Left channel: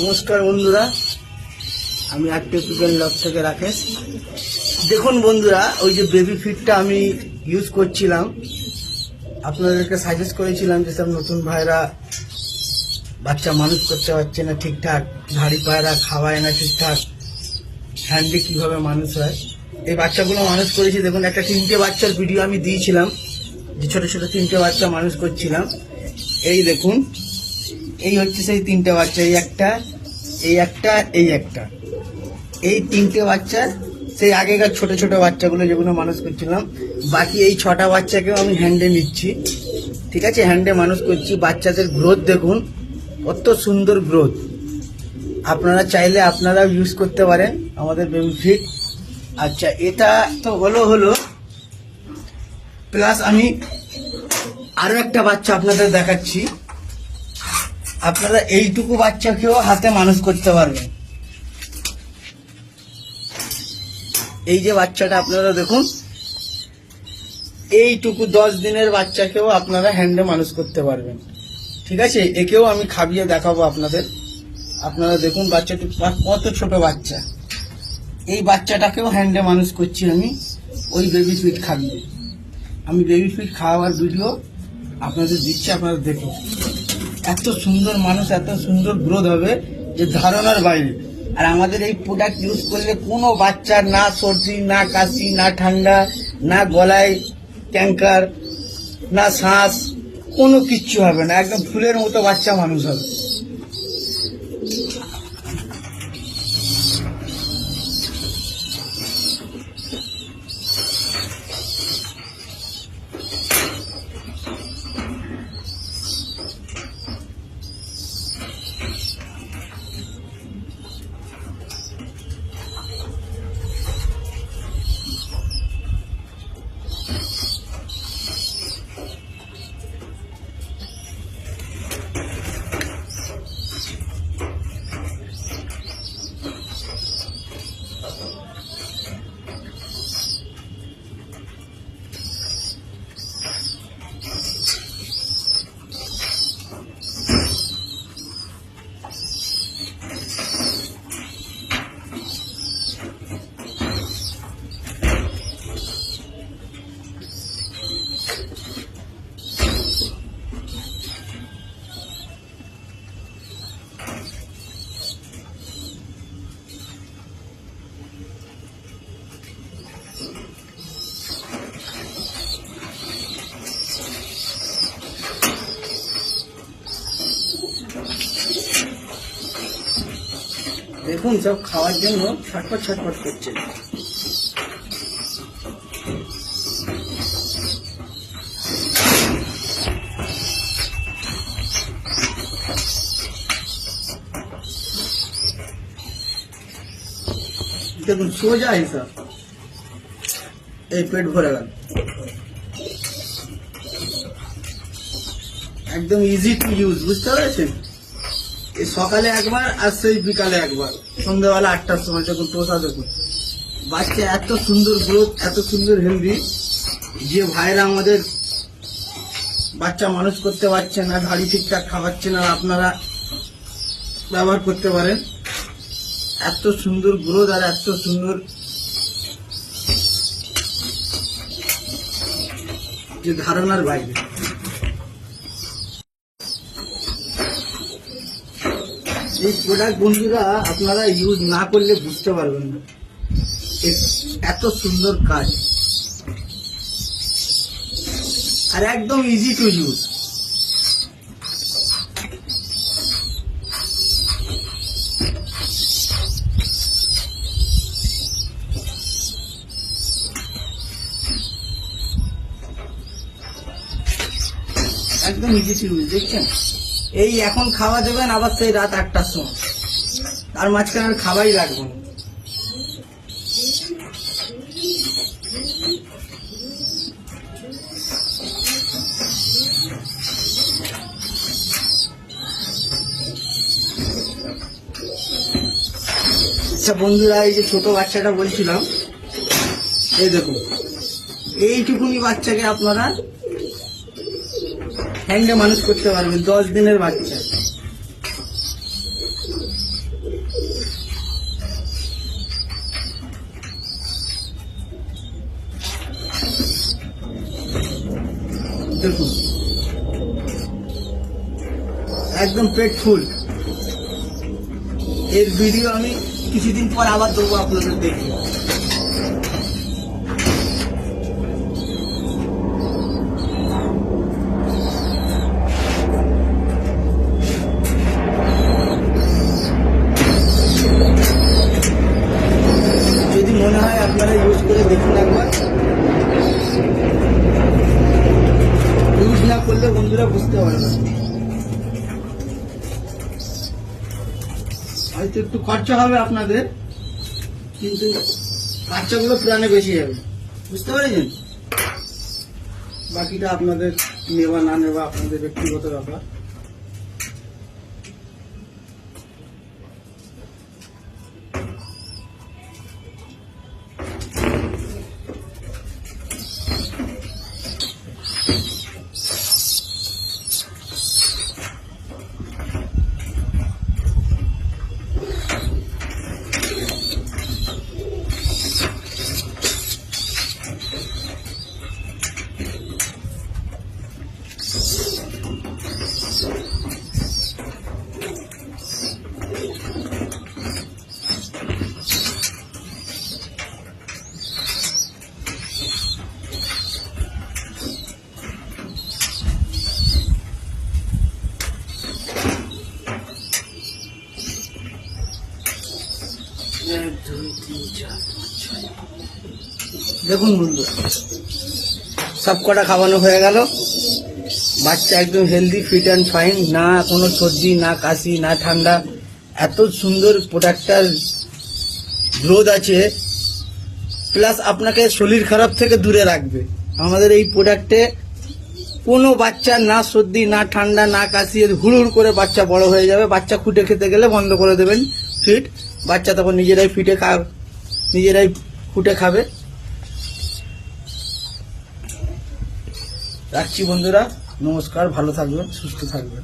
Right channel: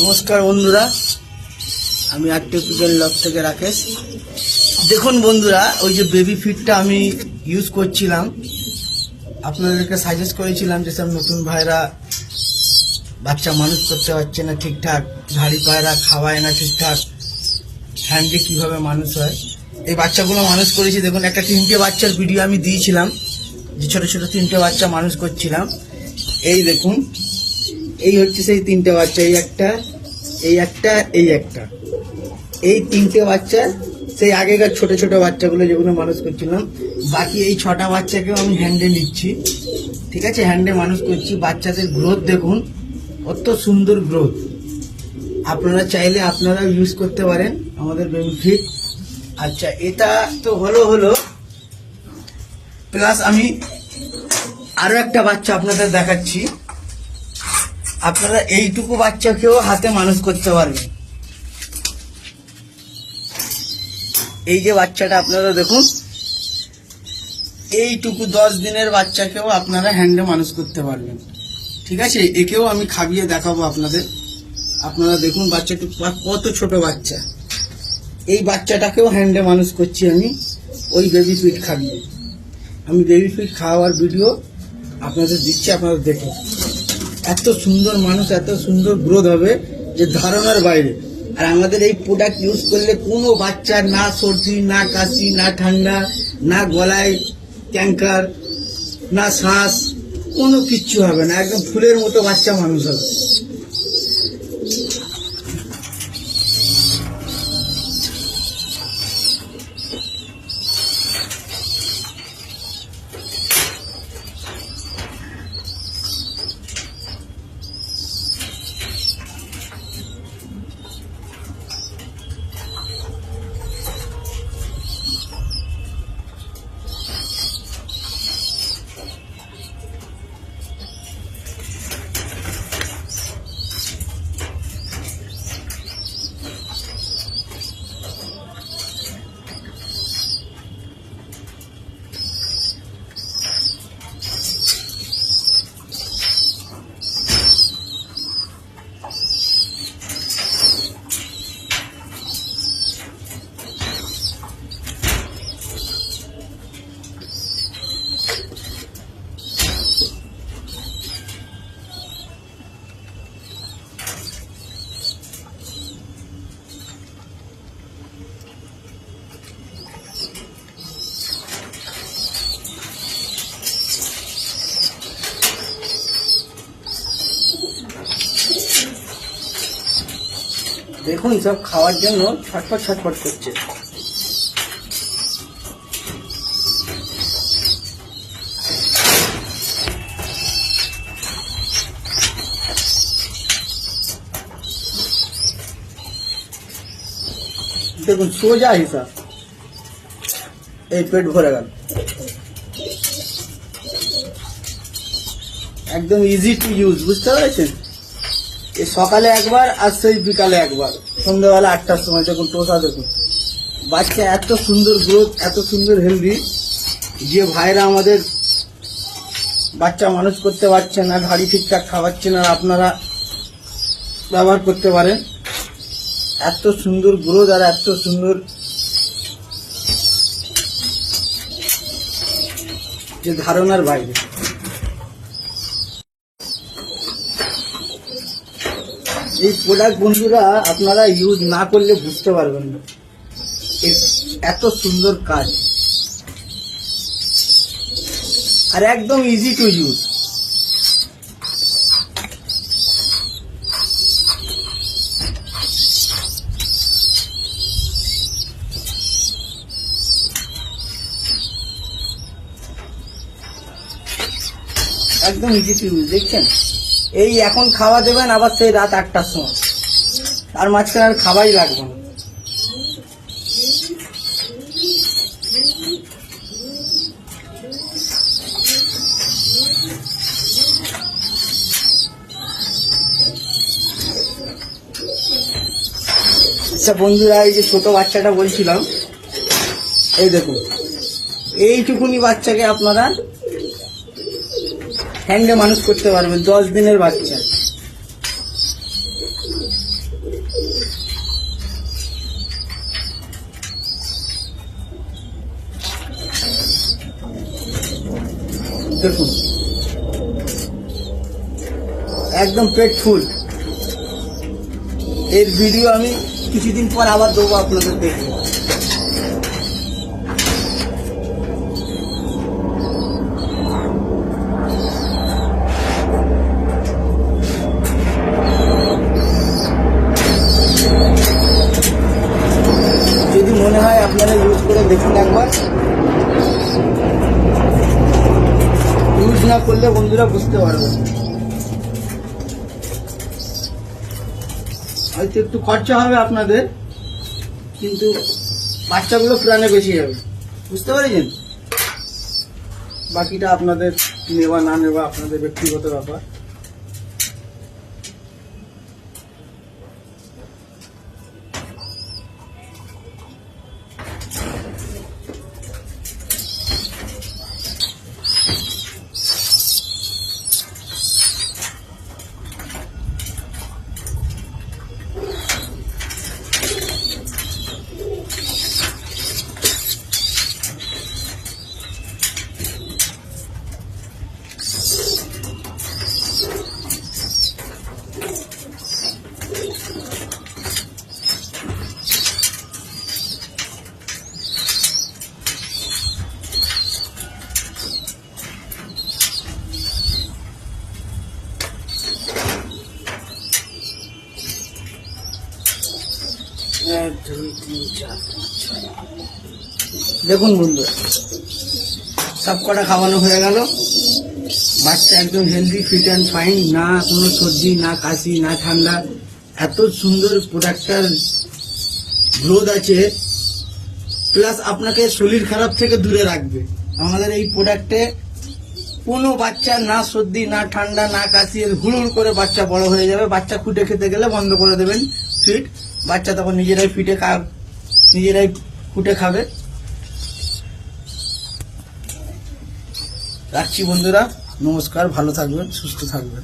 নমস্কার বন্ধুরা, আমি আর্টিফিশিয়াল লক থেকে রাকেশ। দেখুন বন্ধুরা, ওই যে বেবি ফিডটা আমি ইউজ করছিলাম, আপনাদেরকে সাজেস্ট করেছিলাম যেসব নতুন ভাইরা বাচ্চা মানুষ করতে পারছে না ঠিকঠাক, ঝাড়ি পায়রা খাওয়ায় না ঠিকঠাক, হ্যান্ডে কিভাবে মানুষ হয়, এই বাচ্চাগুলো মানুষ করেছি। দেখুন, একটা 3টে বাচ্চার ভিডিও আমি দিয়েছিলাম, যে ছোট ছোট 3টে বাচ্চা মানুষ করছিলাম। এই দেখুন, এই হচ্ছে সেই 3টে বাচ্চা, এই একটা, এই একটা, এই একটা, এই 3টে বাচ্চা সেই আগেকার ছোট ছোট বাচ্চাগুলো যেগুলো মানুষ করছিলাম। বাকি এই 6টা বাচ্চাকে আমি হ্যান্ডে নিচ্ছি, ঠিক আছে, হ্যান্ডে মানুষ করছি। বাচ্চাদের গ্রোথ দেখুন, কত সুন্দর গ্রোথ। আপনারা চাইলে আপনারাও ইউজ করতে পারেন আমাদের বেবি ফিড। আচ্ছা, এটা তো হলো প্লাস আমি আরো একটা বাচ্চা আপনাদের দেখাচ্ছি। আপনারা এইটুকু বাচ্চাকেও হাতে মানুষ করতে পারবেন। এই যে বাচ্চাটা আপনারা দেখুন, এইটুকু 10 দিনের বাচ্চাকেও আপনারা হ্যান্ডে মানুষ করতে পারবেন, ঠিক আছে। একেও আমি খাবিয়ে দেখাবো আপনাদের। আপনারা দেখুন বাচ্চাটি কত ছোট বাচ্চা। এই বাচ্চাটাকেও হ্যান্ডে মানুষ করছি আমি, ওই বেবি ফিড খাবিয়ে। আমি বেবি ফিড খাওয়ার ভিডিও আপনাদের দিচ্ছি, আপনারা দেখুন। এত সুন্দর মানুষ, এত সুন্দর গ্রোথ হবে যে ধারণার বাইরে। আর আমাদের এই প্রোডাক্ট ইউজ করলে কোনো বাচ্চার না সর্দি, না কাশি, না ঠান্ডা, না গলায় ক্যাঙ্কার, না শ্বাস, কোনো কিচ্ছু হবে না। একদম ফুলের মতো বাচ্চা মানুষ হবে। দেখুন, সব খাওয়ার জন্য ছটফট ছটফট করছে। দেখুন, সোজা হিসাব, এই পেট ভরে গেল। একদম ইজি টু ইউজ, বুঝতে পেরেছেন। এই সকালে একবার আর সেই বিকালে একবার, সন্ধ্যাবেলা 8টার সময়। দেখুন টোসা, দেখুন বাচ্চা এত সুন্দর গ্রোথ, এত সুন্দর হেলদি। যে ভাইরা আমাদের বাচ্চা মানুষ করতে পারছেন না, ঘাড়ি ঠিকঠাক খাওয়াচ্ছেন না, আপনারা ব্যবহার করতে পারেন। এত সুন্দর গ্রোথ আর এত সুন্দর যে ধারণার বাইরে। এই প্রোডাক্ট বন্ধুরা আপনারা ইউজ না করলে বুঝতে পারবেন না এত সুন্দর কাজ, আর একদম ইজি টু ইউজ। একদম ইজি টু ইউজ। দেখছেন, এই এখন খাওয়া দেবেন, আবার সেই রাত 8টার সময়, তার মাঝখানে আর খাওয়াই রাখবেন। আচ্ছা বন্ধুরা, এই যে ছোট বাচ্চাটা বলছিলাম, এই দেখুন, এইটুকুনি বাচ্চাকে আপনারা হ্যান্ডে মানুষ করতে পারবেন, 10 দিনের বাচ্চা। দেখুন একদম পেট ফুল। এর ভিডিও আমি কিছুদিন পর আবার দেবো, আপনাদের দেখবো। যদি মনে হয় আপনারা ইউজ করে দেখুন একবার। ইউজ না করলে বন্ধুরা বুঝতে পারবেন। হয়তো একটু খরচা হবে আপনাদের, কিন্তু বাচ্চাগুলো প্রাণে বেশি যাবে, বুঝতে পারছেন? বাকিটা আপনাদের নেওয়া না নেওয়া আপনাদের ব্যক্তিগত ব্যাপার। দেখুন বন্ধু, সব কটা খাওয়ানো হয়ে গেল। বাচ্চা একদম হেলদি, ফিট অ্যান্ড ফাইন, না কোনো সর্দি, না কাশি, না ঠান্ডা। এত সুন্দর প্রোডাক্টটার গ্রোথ আছে, প্লাস আপনাকে শরীর খারাপ থেকে দূরে রাখবে। আমাদের এই প্রোডাক্টে কোনো বাচ্চা না সর্দি, না ঠান্ডা, না কাশি, হুড় করে বাচ্চা বড় হয়ে যাবে। বাচ্চা ফুটে খেতে গেলে বন্ধ করে দেবেন ফিট, বাচ্চা তখন নিজেরাই নিজেরাই ফুটে খাবে। রাখছি বন্ধুরা, নমস্কার, ভালো থাকবেন, সুস্থ থাকবেন।